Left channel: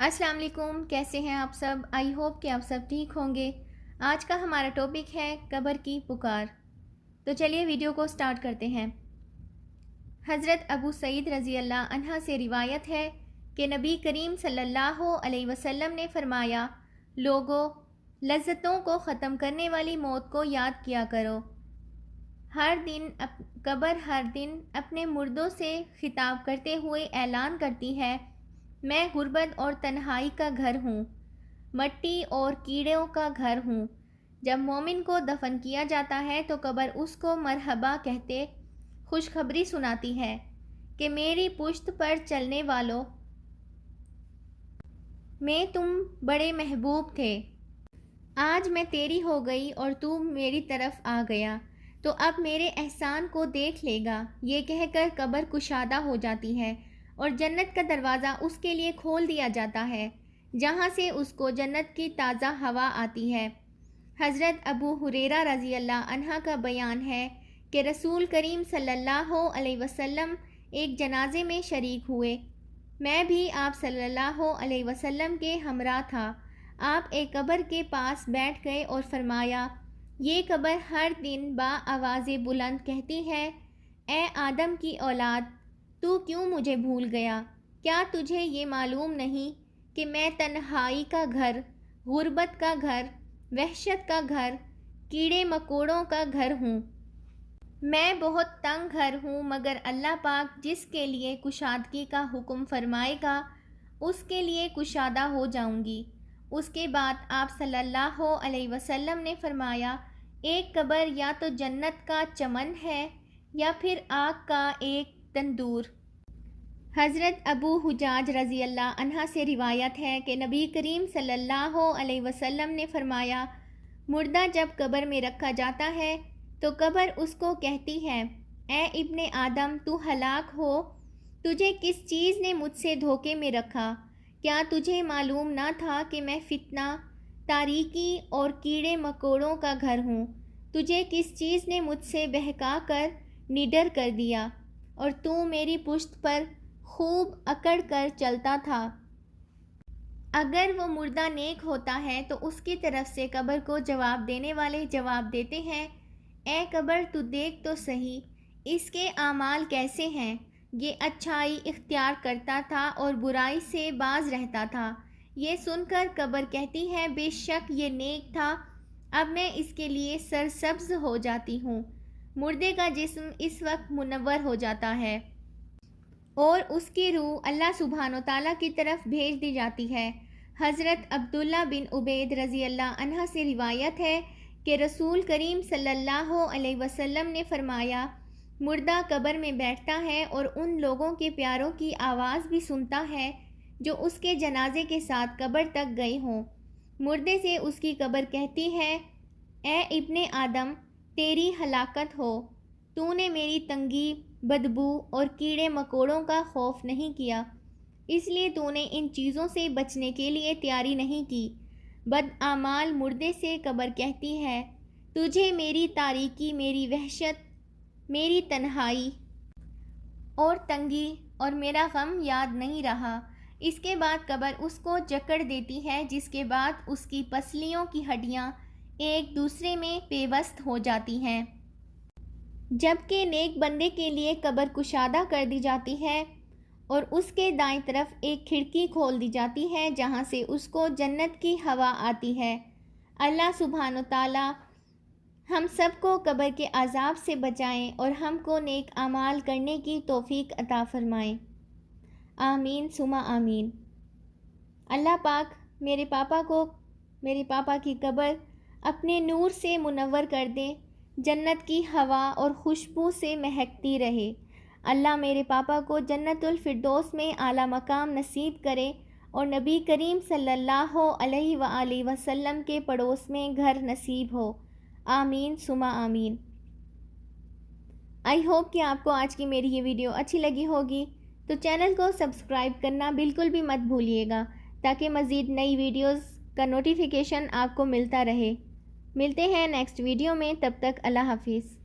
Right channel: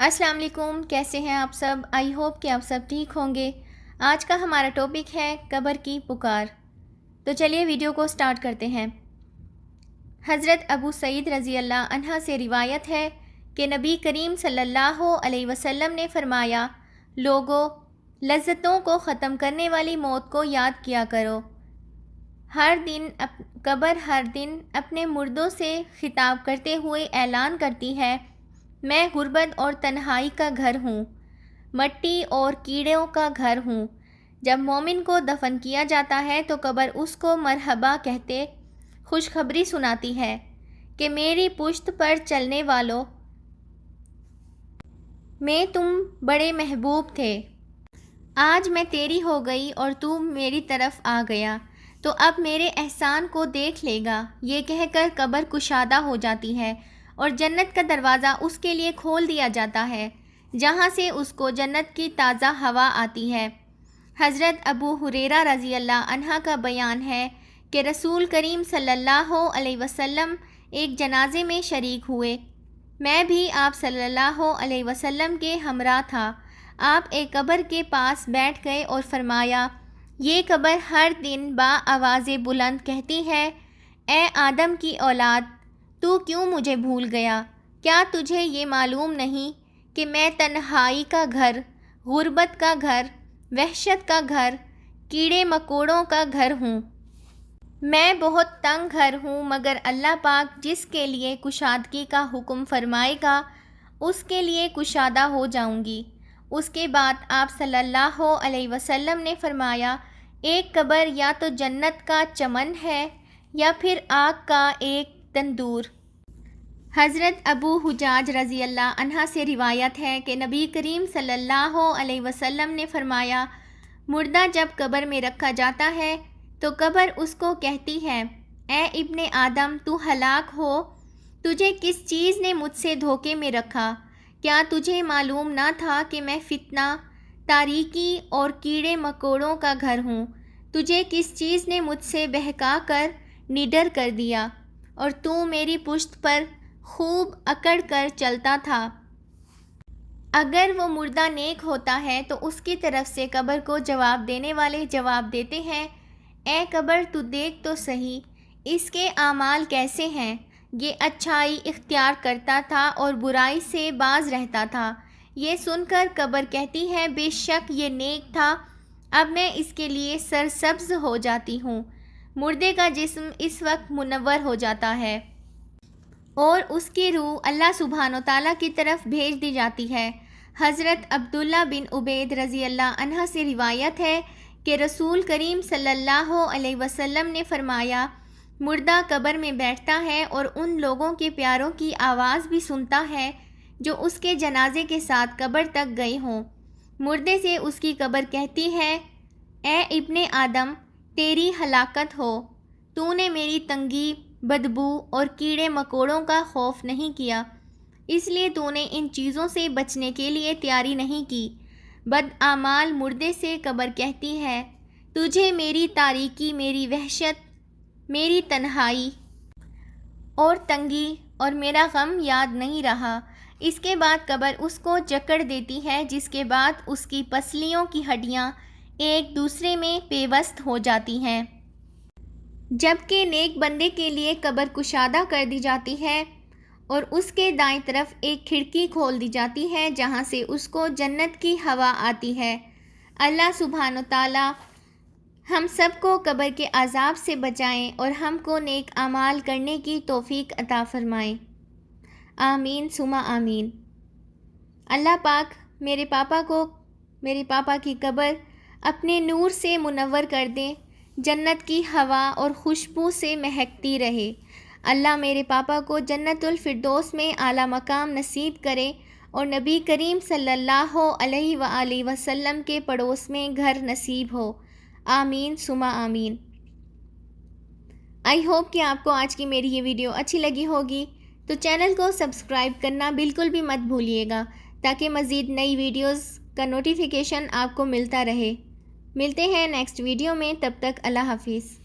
السلام علیکم، کیسے ہیں آپ سب؟ آئی ہوپ کہ آپ سب ٹھیک ہوں گے۔ آج کا ہمارا ٹاپک ہے قبر کی پکار۔ تو چلیے ویڈیو کو سٹارٹ کرتے ہیں۔ حضرت ابو سعید رضی اللہ عنہ سے روایت ہے کہ نبی کریم صلی اللہ علیہ وسلم نے فرمایا، لوگو، لذتوں کو ختم کرنے والی موت کو یاد کیا کرو۔ قبر ہر دن اپنے مردوں سے خطاب کرتے ہوئے اعلان کرتی ہے، میں غربت اور تنہائی کا گھر ہوں، مٹی اور کیڑوں کا گھر ہوں۔ جب مومن کو دفن کیا جاتا ہے تو قبر اس کو مرحبا کہتے خوشخبری سناتی ہے کہ میری پشت پر چلنے والوں، میں تم بڑے محبوب تھے، آج میں تیری ہو گئی اور تو میری طرف آ گیا، تو اب میرے احسان کو دیکھ لے گا۔ یہ کہہ کر قبر کشادہ ہو جاتی ہے اور جنت کا دروازہ اس کے لیے کھول دیا جاتا ہے، جہاں سے اس کو جنت کی تازہ ہوا آتی ہے۔ حضرت ابو ہریرہ رضی اللہ عنہ کا بیان ہے کہ رسول کریم صلی اللہ علیہ وسلم ایک جنازے میں شریک ہوئے۔ میں بھی آپ صلی اللہ علیہ وسلم کے ہمراہ تھا۔ آپ ایک قبر کے پاس بیٹھ گئے اور فرمایا، یہ قبر ہر دن آواز بلند کہتی ہے، اے آدم کی اولاد، تو کیوں مجھے بھول گیا؟ کیا تجھے یہ معلوم نہیں کہ میں تنہائی کا گھر، غربت کا گھر، وحشت کا گھر، کیڑے مکوڑوں کا گھر ہوں؟ میں بہت تنگ گھر ہوں، مگر اللہ پاک جس کے لیے کشادگی کا حکم فرمائے گا اس کے لیے کشادہ ہو جاؤں گی۔ اس کے بعد آپ صلی اللہ علیہ وسلم نے فرمایا، ایک قبر یا تو جنت کا چمن ہے یا پھر آگ کا ایک تندور۔ حضرت ابو حجاج رضی اللہ عنہ سے روایت ہے کہ نبی کریم صلی اللہ علیہ وسلم نے فرمایا، مردہ جب قبر میں رکھا جاتا ہے تو قبر اس کو کہتی ہے، اے ابن آدم، تو ہلاک ہو، تجھے کس چیز نے مجھ سے دھوکے میں رکھا؟ کیا تجھے معلوم نہ تھا کہ میں فتنہ، تاریکی اور کیڑے مکوڑوں کا گھر ہوں؟ تجھے کس چیز نے مجھ سے بہکا کر نڈر کر دیا اور تو میری پشت پر خوب اکڑ کر چلتا تھا؟ اگر وہ مردہ نیک ہوتا ہے تو اس کی طرف سے قبر کو جواب دینے والے جواب دیتے ہیں، اے قبر، تو دیکھ تو صحیح اس کے اعمال کیسے ہیں، یہ اچھائی اختیار کرتا تھا اور برائی سے باز رہتا تھا۔ یہ سن کر قبر کہتی ہے، بے شک یہ نیک تھا، اب میں اس کے لیے سرسبز ہو جاتی ہوں۔ مردے کا جسم اس وقت منور ہو جاتا ہے اور اس کی روح اللہ سبحانہ وتعالیٰ کی طرف بھیج دی جاتی ہے۔ حضرت عبداللہ بن عبید رضی اللہ عنہ سے روایت ہے کہ رسول کریم صلی اللہ علیہ وسلم نے فرمایا، مردہ قبر میں بیٹھتا ہے اور ان لوگوں کے پیاروں کی آواز بھی سنتا ہے جو اس کے جنازے کے ساتھ قبر تک گئے ہوں۔ مردے سے اس کی قبر کہتی ہے، اے ابن آدم، تیری ہلاکت ہو، تو نے میری تنگی، بدبو اور کیڑے مکوڑوں کا خوف نہیں کیا، اس لیے تو نے ان چیزوں سے بچنے کے لیے تیاری نہیں کی۔ بدعمال مردے سے قبر کہتی ہے، تجھے میری تاریکی، میری وحشت، میری تنہائی اور تنگی اور میرا غم یاد نہیں رہا۔ اس کے بعد قبر اس کو جکڑ دیتی ہے، جس کے بعد اس کی پسلیوں کی ہڈیاں ایک دوسرے میں پیوست ہو جاتی ہیں۔ جبکہ نیک بندے کے لیے قبر کشادہ کر دی جاتی ہے اور اس کے دائیں طرف ایک کھڑکی کھول دی جاتی ہے جہاں سے اس کو جنت کی ہوا آتی ہے۔ اللہ سبحانہ تعالیٰ ہم سب کو قبر کے عذاب سے بچائیں اور ہم کو نیک اعمال کرنے کی توفیق عطا فرمائیں۔ آمین ثم آمین۔ اللہ پاک میرے پاپا کی قبر اپنے نور سے منور کر دیں، جنت کی ہوا اور خوشبو سے مہکتی رہے۔ اللہ میرے پاپا کو جنت الفردوس میں اعلیٰ مقام نصیب کرے اور نبی کریم صلی اللہ علیہ وآلہ وسلم کے پڑوس میں گھر نصیب ہو۔ آمین ثم آمین۔ آئی ہوپ کہ آپ کو آج کی میری یہ ویڈیو اچھی لگی ہوگی، تو چینل کو سبسکرائب کرنا بالکل بھی مت بھولیے گا تاکہ مزید نئی ویڈیوز کا نوٹیفیکیشن آپ کو ملتا رہے۔ ملتے ہیں نیکسٹ ویڈیو میں، تب تک اللہ حافظ۔